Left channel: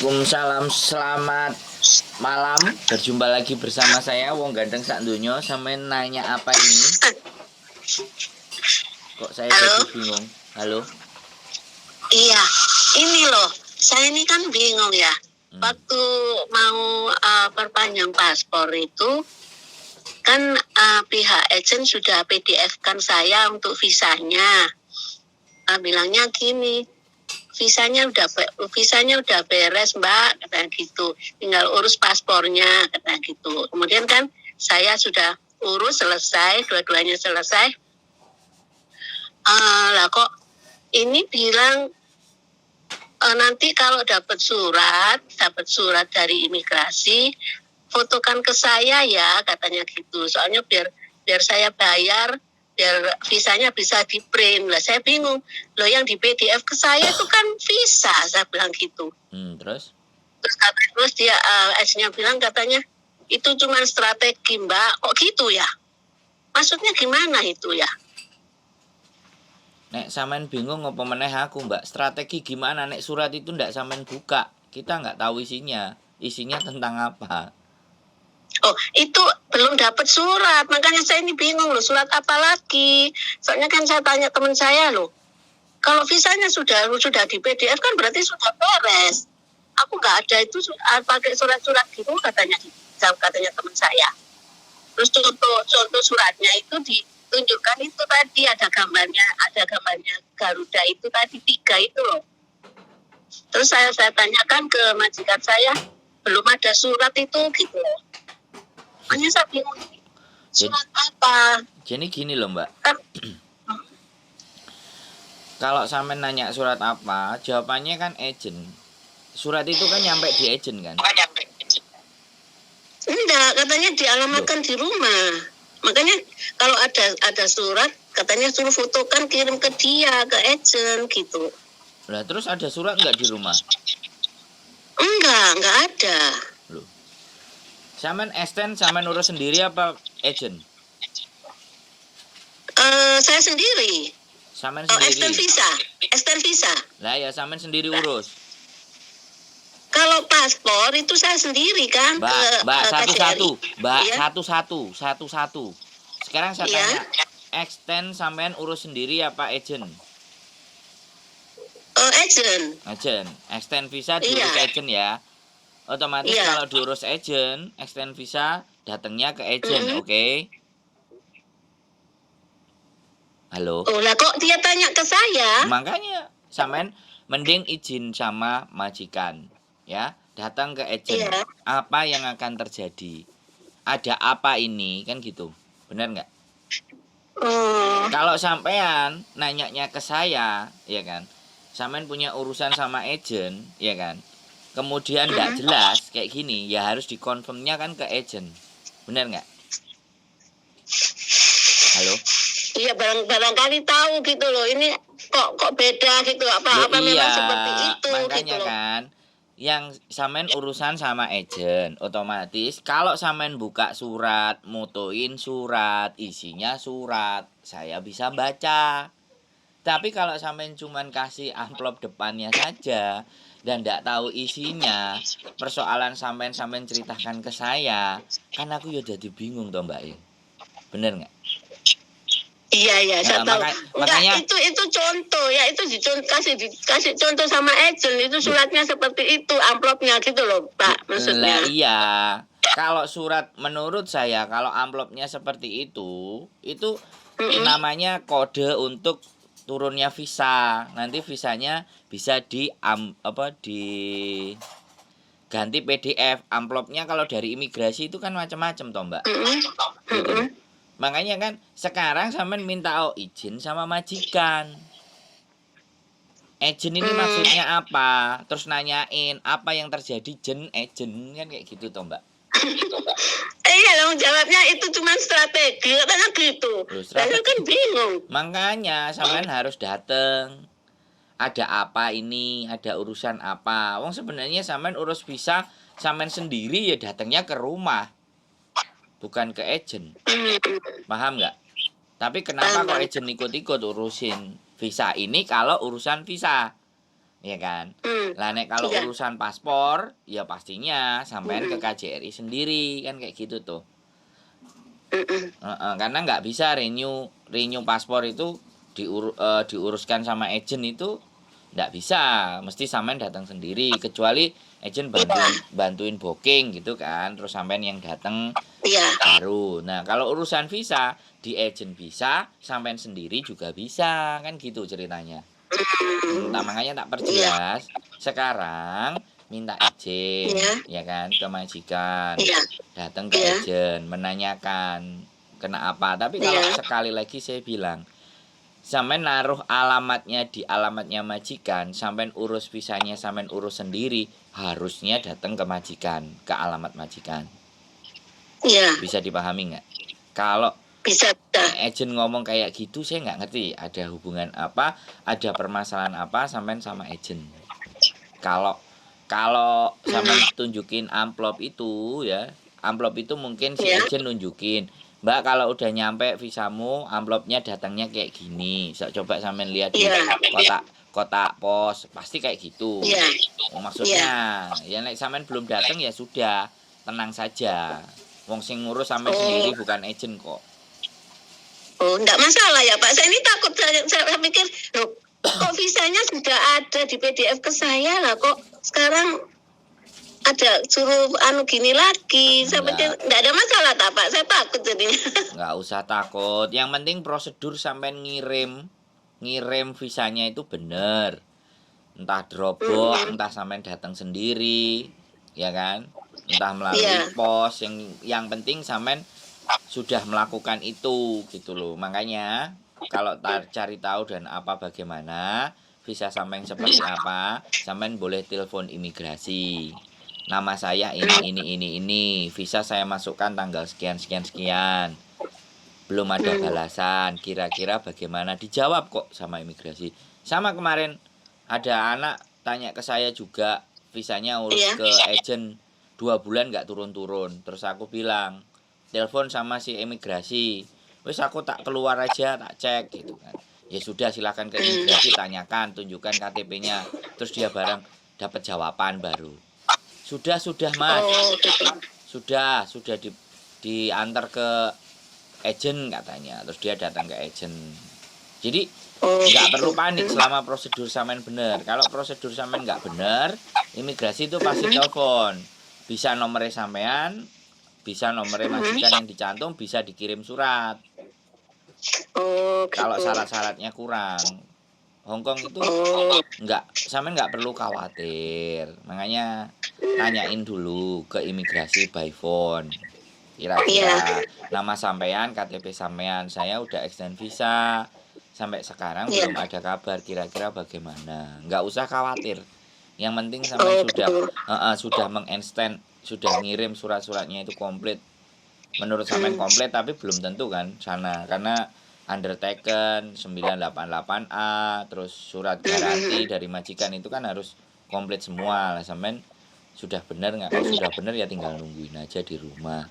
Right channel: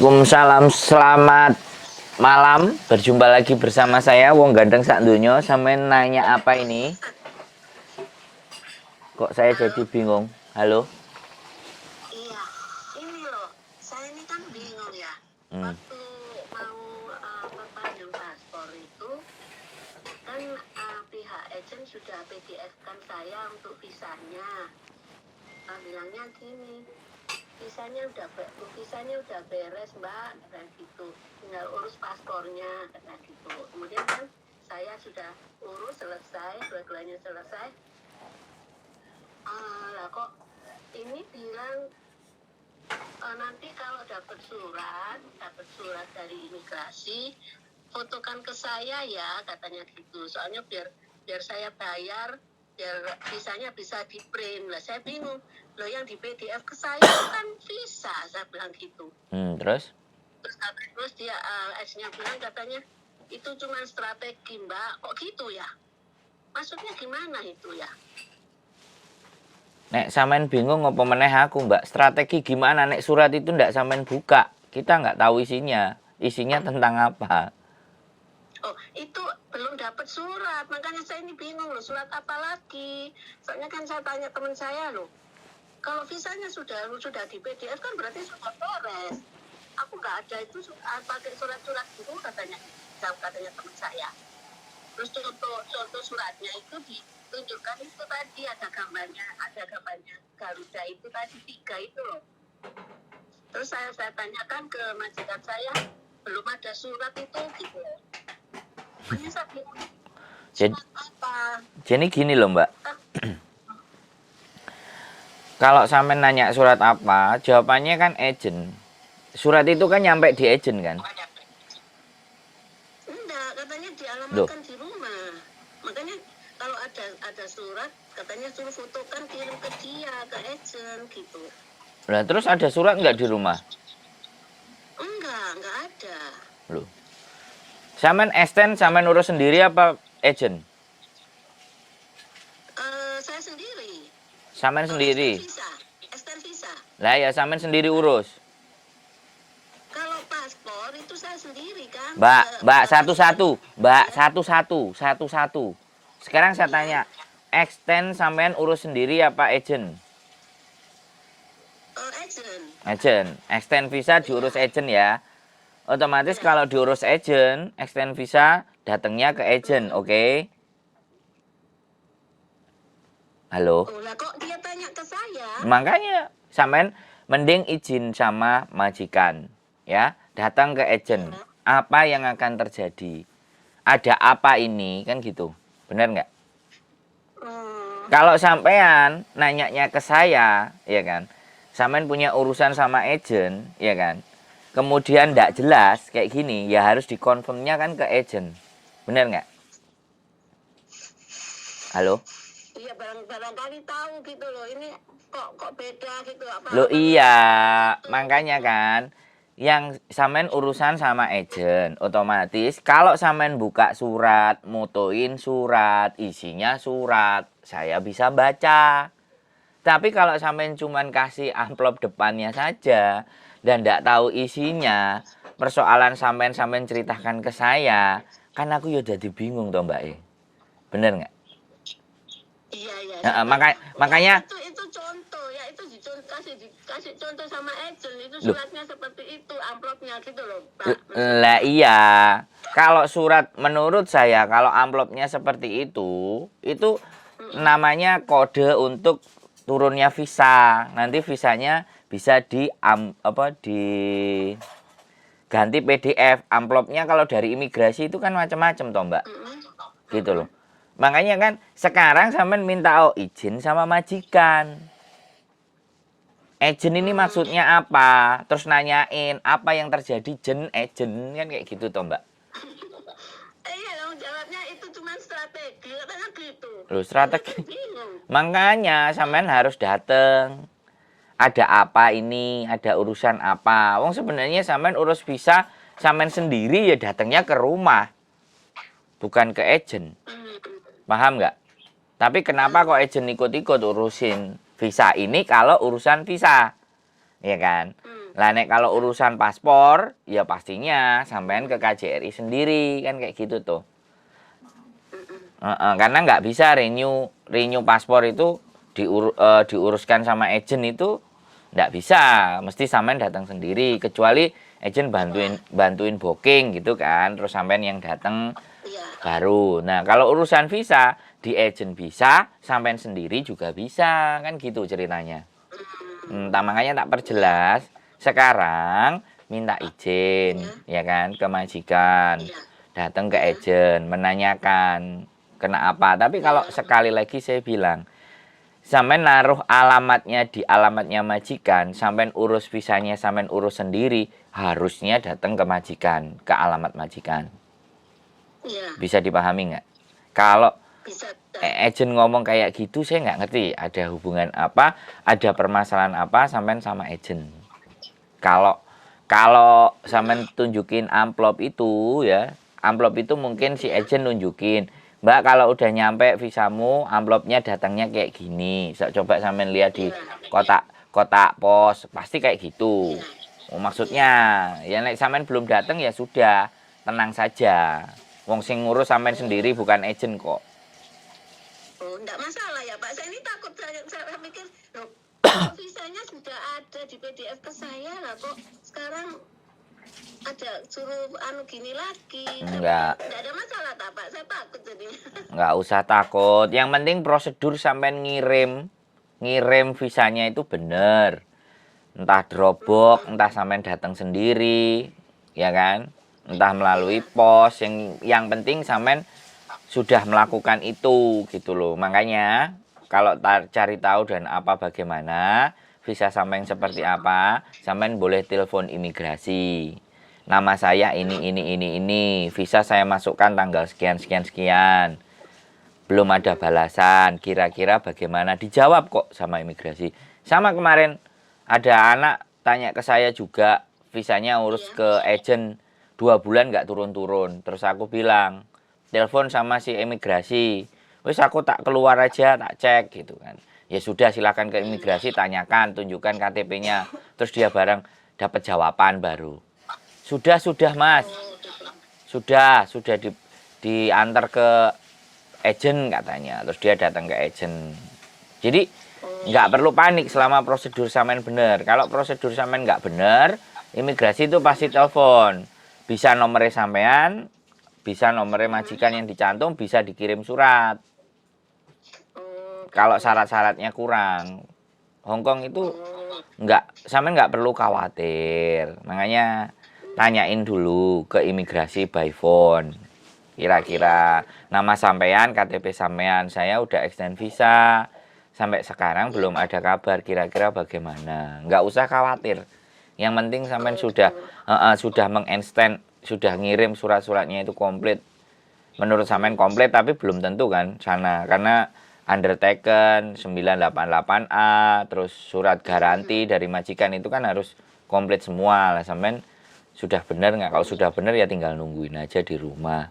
Waalaikumsalam, selamat malam. Berjumpa lagi bersama saya Wong Gandeng Sak Donya. Sampeyan nanya apa ini? Kok saya Halo? jadi bingung? Halo? Iya, ini loh, saya ini kan bingung ya. Waktu mau perpanjang paspor itu, kan pihak agen sudah PDF-kan saya untuk visanya. Bilangnya gini, visanya udah beres Mbak, kata gitu. Tinggal urus paspornya, kata gitu. Kemudian kan saya sudah urus selesai, dua-duanya selesai. Lah kok ini bilang nanti kalau dapat surat dari imigrasi, fotokan ke saya ya, katanya gitu. Soalnya biar saya bayar, biar visanya bisa di print. Lah saya bingung, loh yang di PDF ke saya itu kan visa, saya bilang gitu. Terus? Terus dia agennya bilang katanya itu cuma strategi Mbak, kok gitu ya? Maksudnya gimana itu ya? Nek sampean bingung apa meneh aku, Mbak? Strategi gimana nek surat itu ndak sampean buka? Kita nggak tahu isinya. Isinya tentang apa? Oh, itu belum dapat surat. Makanya saya ini bingung loh, surat apa lagi? Soalnya kan saya tanya teman saya loh. Kalau visanya sudah di PDF kan berarti sudah beres. Aku nggak ada itu pakai surat-surat gitu katanya teman saya. Terus contoh suratnya itu ditunjukkan itu tadi ada gambarnya Garuda itu tadi 3 itu loh. Terus saya tanyakan ke majikan saya, belum ada surat itu gitu loh. Makanya saya bingung, surat apa? Jadi gini loh, Mbak. Kalau sampean nanya surat apa, jawabannya kan agent. Surat itu kan nyampe di agent kan? Enggak, katanya dialamatkan di rumah. Makanya kalau ada surat, katanya suruh fotokan kirim ke dia, ke agent gitu. Nah, terus ada surat nggak di rumah? Enggak ada. Loh. Sampean extend, sampean urus sendiri apa agent? Saya sendiri. Sampean sendiri. Extend visa. Lah ya sampean sendiri urus. Kalau paspor itu saya sendiri kan. Mbak satu-satu. Mbak ya? satu-satu. Sekarang saya tanya, extend sampean urus sendiri apa agent? Agent. Extend visa diurus agent ya. Otomatis kalau diurus agent, extend visa datangnya ke agent, oke? Halo? Oh lah kok dia tanya ke saya? Makanya sampean mending izin sama majikan, ya. Datang ke agent. Apa yang akan terjadi? Ada apa ini? Kan gitu. Benar nggak? Kalau sampean nanyanya ke saya, ya kan? Sampean punya urusan sama agent, ya kan? Kemudian nggak jelas kayak gini, ya harus dikonfirmnya kan ke agent. Benar nggak? Halo? Iya, barangkali tahu gitu loh. Ini kok beda gitu apa? Loh, iya, itu, makanya gitu kan yang sampean urusan sama agent, otomatis kalau sampean buka surat, motoin surat, isinya surat, saya bisa baca. Tapi kalau sampean cuman kasih amplop depannya saja dan tidak tahu isinya, persoalan sampean ceritakan ke saya, kan aku ya jadi bingung toh Mbak. Bener nggak? Iya, saya tahu. Makanya itu contoh ya, itu kasih contoh sama agent, itu suratnya seperti itu, amplopnya gitu loh, Pak. Maksudnya. Lah iya. Kalau surat menurut saya kalau amplopnya seperti itu namanya kode untuk turunnya visa. Nanti visanya bisa ganti PDF. Amplopnya kalau dari imigrasi itu kan macam-macam toh, Mbak. Gitu loh. Makanya kan sekarang sampean minta izin sama majikan. Agent ini maksudnya apa? Terus nanyain apa yang terjadi agent kan kayak gitu toh, Mbak. Iya dong, jawabnya itu cuma strategi, katanya gitu. Loh, strategi kan bingung. Makanya sampean harus dateng. Ada apa ini? Ada urusan apa? Wong sebenarnya sampean urus visa sampean sendiri ya datangnya ke rumah. Bukan ke agent. Paham nggak? Tapi kenapa kok agent ikut-ikut urusin visa ini kalau urusan visa? ya kan? Hmm. Lah nek kalau Iya. urusan paspor, ya pastinya sampean ke KJRI sendiri kan kayak gitu tuh. Mm-mm. Karena nggak bisa renew paspor itu diuruskan sama agent itu nggak bisa, mesti sampean datang sendiri kecuali agent Iya. bantuin booking gitu kan, terus sampean yang datang Iya. baru. Nah kalau urusan visa di agent bisa, sampean sendiri juga bisa kan gitu ceritanya. Tak makanya tak Iya. perjelas. Sekarang minta izin, Iya. ya kan, ke majikan. Iya. Datang ke Iya. agent, menanyakan kena apa. Tapi kalau Iya. sekali lagi saya bilang, sampean naruh alamatnya di alamatnya majikan, sampean urus visanya, sampean urus sendiri, harusnya datang ke majikan, ke alamat majikan. Iya. Bisa dipahami nggak? Kalau Bisa. agent ngomong kayak gitu saya nggak ngerti ada hubungan apa, ada permasalahan apa sampean sama agent. Kalau kalau sampean tunjukin amplop itu ya, amplop itu mungkin si Iya. agent nunjukin, Mbak kalau udah nyampe visamu, amplopnya datangnya kayak gini. Coba sampean lihat di Iya. kotak kotak pos, pasti kayak gitu. Iya. Oh, Iya. maksudnya, ya nek sampean belum datang ya sudah, tenang saja. Wong sing ngurus sampean sendiri Oh. bukan agent kok. Oh, enggak masalah ya Pak. Saya ini takut, saya pikir, loh, kok visanya sudah ada di PDF ke saya lah, kok sekarang ada suruh anu gini lagi. Saya pikir Enggak. enggak ada masalah tak Pak. Saya takut jadinya. Nggak usah takut. Yang penting prosedur sampai ngirim visanya itu bener. Entah drobok, entah sampai datang sendiri, ya kan? Entah melalui Iya. pos. Yang penting sampai sudah melakukan itu gitu loh. Makanya kalau cari tahu dan apa bagaimana visa sampai seperti apa, sampai boleh telepon imigrasi. Nama saya ini. Visa saya masukkan tanggal sekian sekian sekian. Belum ada balasan, kira-kira bagaimana? Dijawab kok sama imigrasi. Sama kemarin ada anak tanya ke saya juga, visanya urus Iya. ke agent 2 bulan nggak turun-turun. Terus aku bilang, telepon sama si imigrasi. Wes aku tak keluar aja, tak cek gitu kan. Ya sudah silakan ke imigrasi, tanyakan, tunjukkan KTP-nya. Terus dia bareng dapat jawaban baru. Sudah Mas. Oh, gitu. Sudah diantar ke agent katanya. Terus dia datang ke agent. Jadi Oh, nggak gitu. perlu panik selama prosedur sampean bener. Kalau prosedur sampean nggak bener, imigrasi itu pasti telepon. Bisa nomornya sampean, bisa nomornya majikan yang dicantum, bisa dikirim surat. Oh, Kalau gitu. syarat-syaratnya kurang. Hongkong itu Oh, sampean nggak perlu khawatir. Makanya tanyain dulu ke imigrasi by phone. Kira-kira nama sampean, KTP sampean, saya udah extend visa. Sampai sekarang iya. belum ada kabar, kira-kira bagaimana. Nggak usah khawatir. Yang penting sampean Oh, gitu. sudah menginstan, sudah ngirim surat-suratnya itu komplit. Menurut sampean komplit tapi belum tentu kan sana. Karena undertaken 988A, terus surat garansi dari majikan itu kan harus komplit semua lah. Sampean sudah benar nggak? Kalau sudah benar ya tinggal nungguin aja di rumah.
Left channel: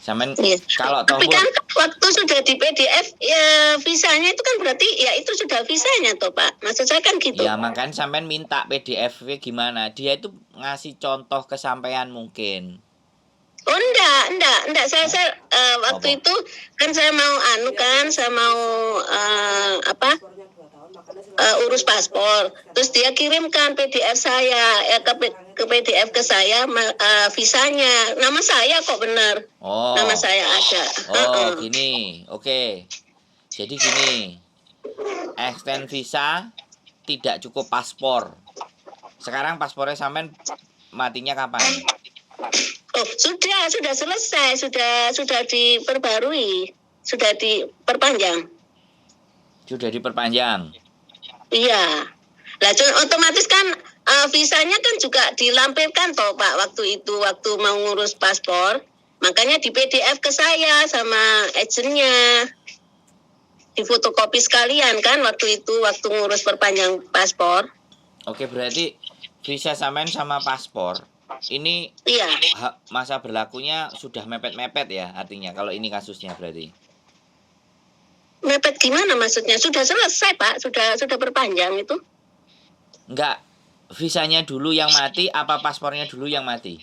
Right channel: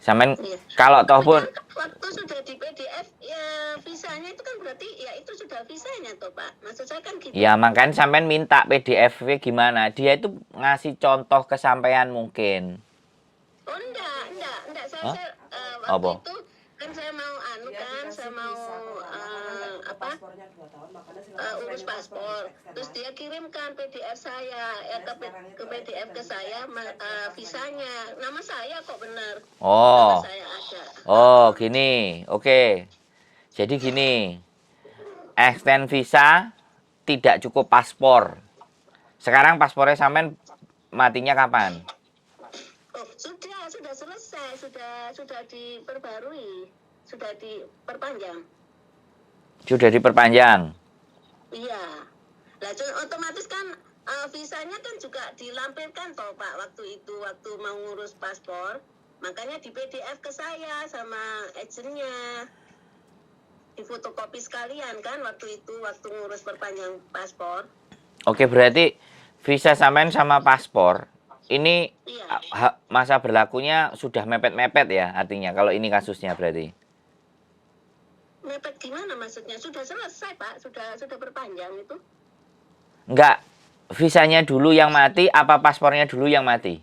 Sampean Iya. kalau Tapi toh kan waktu sudah di PDF ya visanya itu kan berarti ya itu sudah visanya toh Pak. Maksud saya kan gitu. ya makanya sampean minta PDF gimana? Dia itu ngasih contoh kesampaian mungkin. Oh enggak. Saya waktu Apa? itu kan saya mau saya mau urus paspor. Terus dia kirimkan PDF saya ke PDF ke saya visanya. Nama saya kok benar. Nama Oh, saya ada. gini, oke. Jadi gini, extend visa tidak cukup paspor. Sekarang paspornya sampean matinya kapan? Oh, sudah selesai, sudah diperbarui, sudah diperpanjang. Sudah diperpanjang. Iya. Lah otomatis kan visanya kan juga dilampirkan toh Pak waktu mau ngurus paspor. Makanya di PDF ke saya sama agentnya. Di fotokopi sekalian kan waktu ngurus perpanjang paspor. Oke, berarti visa sampean sama paspor ini Iya. masa berlakunya sudah mepet-mepet ya artinya kalau ini kasusnya berarti. Mepet gimana maksudnya? Sudah selesai Pak, sudah perpanjang itu. Enggak, visanya dulu yang mati, apa paspornya dulu yang mati?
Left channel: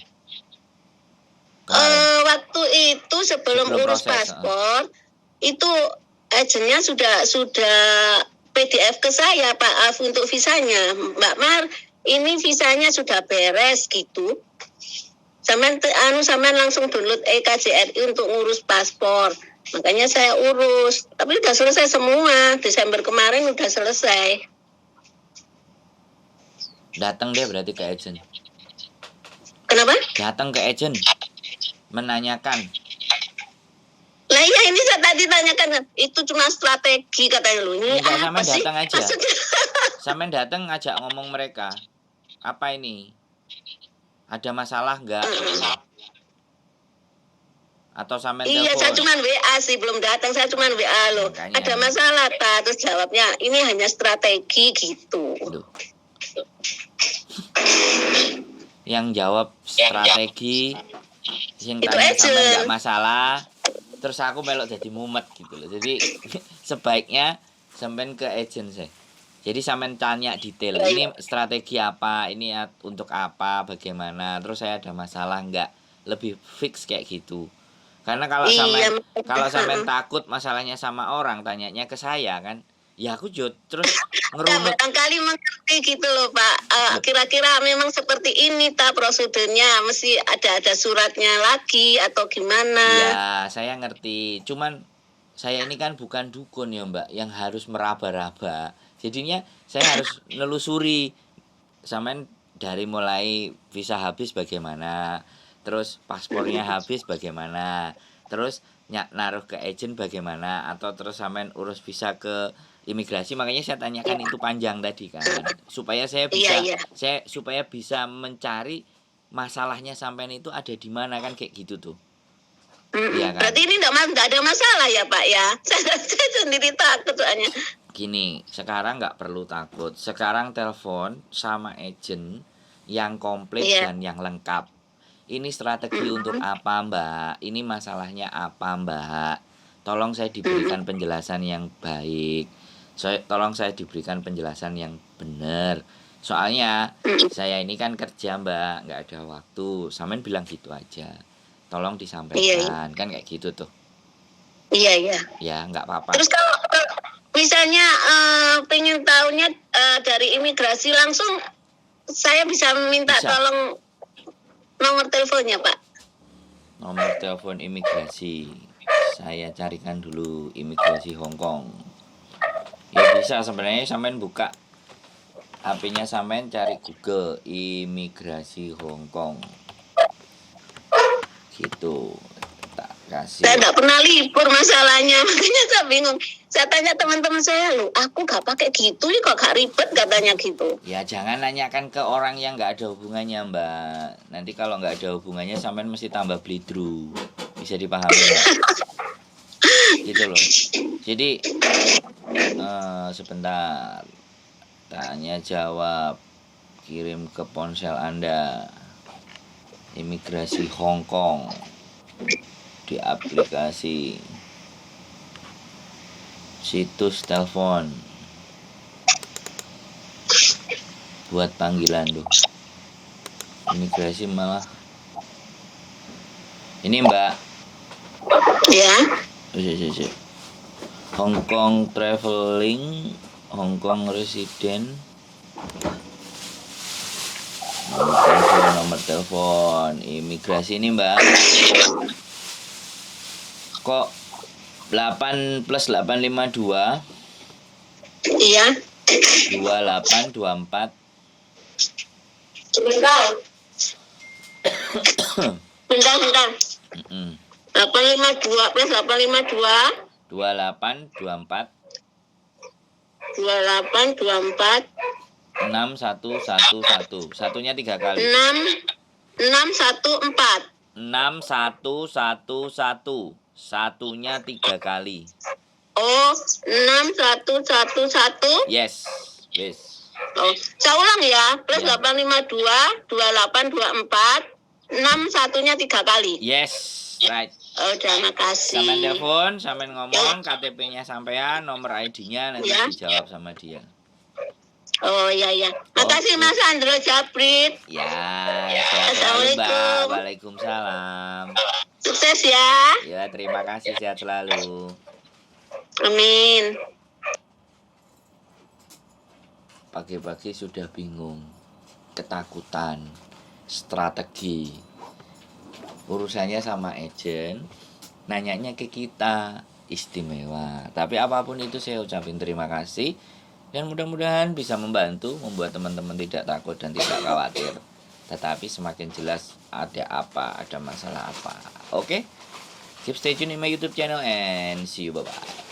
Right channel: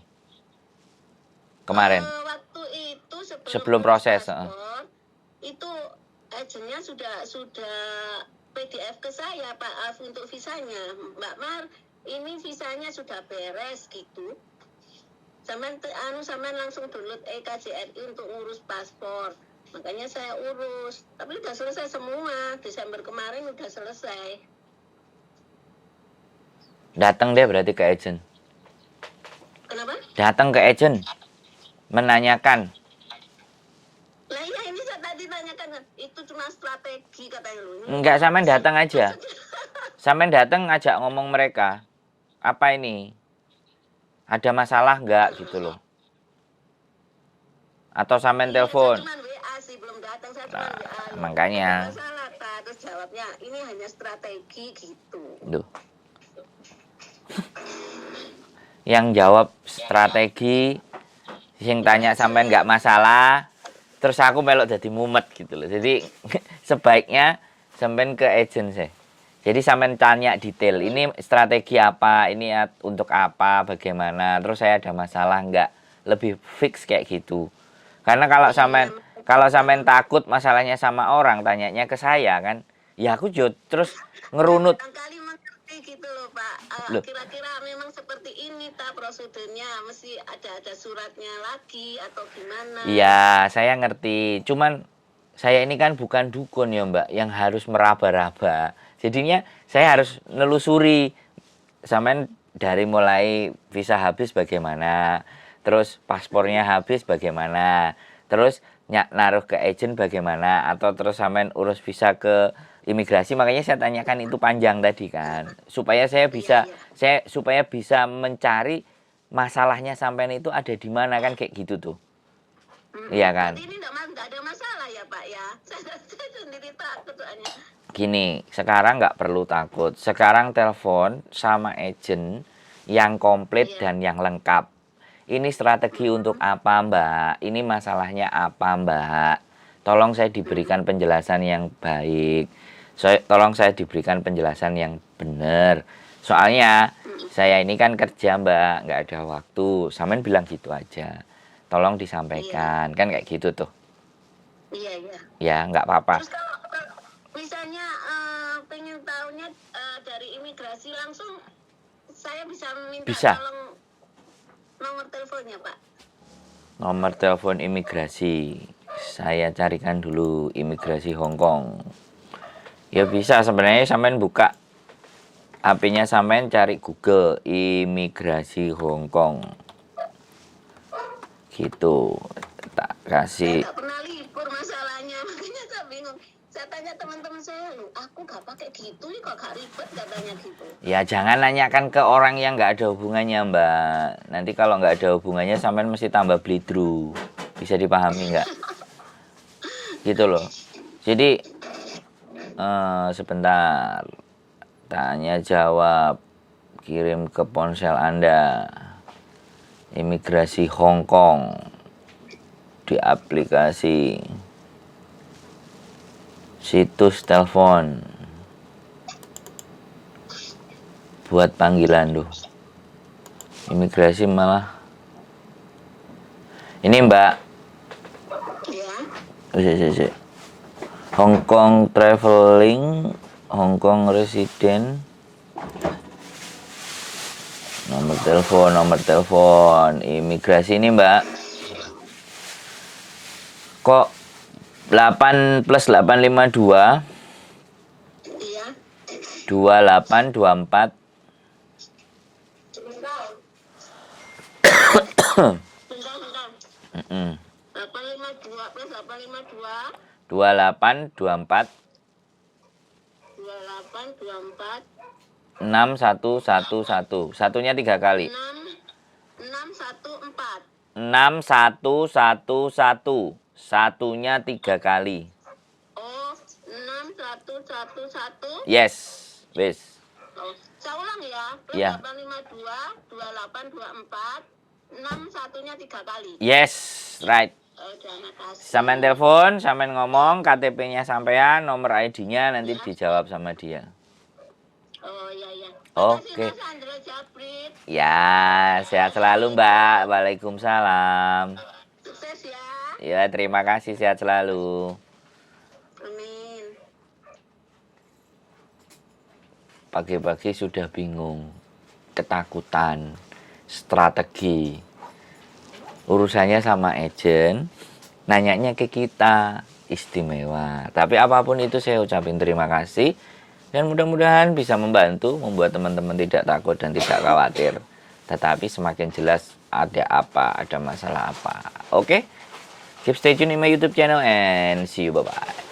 Kemarin, Waktu itu sebelum sebelum urus proses. paspor, itu agennya sudah PDF ke saya Pak Af untuk visanya. Mbak Mar, ini visanya sudah beres gitu. Sampean langsung download EKJRI untuk ngurus paspor. Makanya saya urus. Tapi udah selesai semua. Desember kemarin udah selesai. Datang deh berarti ke agent. Kenapa? Datang ke agent. Menanyakan. Lah iya ini saya tadi tanyakan. Itu cuma strategi katanya lu. Ini Enggak, sampean apa sih? datang aja. Maksudnya, Sampean datang ngajak ngomong mereka. Apa ini? Ada masalah enggak gitu loh. Atau sampean iya, saya telepon. cuma WA sih, belum datang. Saya cuma WA loh. Makanya. Ada masalah, Pak. Terus jawabnya, ini hanya strategi gitu. Duh. Yang jawab strategi, sing tanya sampean enggak masalah, terus aku melok jadi mumet gitu loh. Jadi sebaiknya sampean ke agent sih. Jadi sampean tanya detail, ini strategi apa, ini untuk apa, bagaimana, terus saya ada masalah enggak, lebih fix kayak gitu. Karena kalau sampean takut masalahnya sama orang, tanyanya ke saya kan, ya aku terus ngerunut. Barangkali mengerti gitu loh Pak. Kira-kira memang seperti ini tak prosedurnya, mesti ada suratnya lagi atau gimana? Iya, saya ngerti. Cuman saya ini kan bukan dukun ya Mbak, yang harus meraba-raba. Jadinya saya harus nelusuri. Sampean dari mulai visa habis bagaimana, terus paspornya habis bagaimana, terus naruh ke agent bagaimana, atau terus sampean urus visa ke imigrasi. Makanya saya tanyakan itu panjang tadi kan, supaya saya bisa supaya bisa mencari masalahnya sampean itu ada di mana kan, kayak gitu tuh. Iya kan? Berarti ini nggak ada masalah ya Pak ya? Saya sendiri takut soalnya. Gini, sekarang nggak perlu takut. Sekarang telepon sama agent yang komplit dan yang lengkap. Ini strategi untuk apa Mbak? Ini masalahnya apa Mbak? Tolong saya diberikan penjelasan yang baik. Tolong saya diberikan penjelasan yang benar. Soalnya saya ini kan kerja Mbak, nggak ada waktu. Sampean bilang gitu aja. Tolong disampaikan, kan kayak gitu tuh. Iya. Ya, nggak apa-apa. Terus kalau misalnya pengen tahunya dari imigrasi langsung, saya bisa minta tolong nomor teleponnya Pak. Nomor telepon imigrasi, saya carikan dulu imigrasi Hong Kong. Ya bisa, sebenarnya sampean buka HP-nya, sampean cari Google imigrasi Hong Kong. Gitu. Tak kasih. Saya nggak pernah libur masalahnya, makanya saya bingung. Saya tanya teman-teman saya, loh, aku nggak pakai gitu nih, kok gak ribet katanya gitu. Ya jangan nanyakan ke orang yang nggak ada hubungannya Mbak. Nanti kalau nggak ada hubungannya, sampean mesti tambah blidru. Bisa dipahami nggak? Gitu loh. Jadi sebentar. Tanya jawab. Kirim ke ponsel Anda. Imigrasi Hong Kong. Di aplikasi. Situs telepon. Buat panggilan tuh. Imigrasi malah. Ini Mbak. Ya. Hong Kong traveling, Hong Kong resident. Nomor telepon imigrasi ini Mbak. Kok 8 plus 852? Iya. 2824. Bentar. 852 plus 852. 2824. 2824. 6111. Satunya 3 kali. 614. 6111. Satunya 3 kali. Oh, 6111. Yes, please. Oh, saya ulang ya. Plus Ya. 852, 2824, 6 satunya 3 kali. Yes, right. Oh, terima kasih. Sampean telepon, sampean ngomong, KTP-nya sampean, nomor ID-nya nanti dijawab sama dia. Oh iya iya. Makasih Oke. Mas Andro Japrit. Ya, sehat selalu Mbak. Assalamualaikum. Waalaikumsalam. Sukses ya. Ya, terima kasih, sehat selalu. Amin. Pagi-pagi sudah bingung, ketakutan, strategi. Urusannya sama agent, nanyanya ke kita, istimewa. Tapi apapun itu saya ucapin terima kasih. Dan mudah-mudahan bisa membantu membuat teman-teman tidak takut dan tidak khawatir. Tetapi semakin jelas ada apa, ada masalah apa. Oke? Keep stay tune in my YouTube channel and see you. Bye-bye.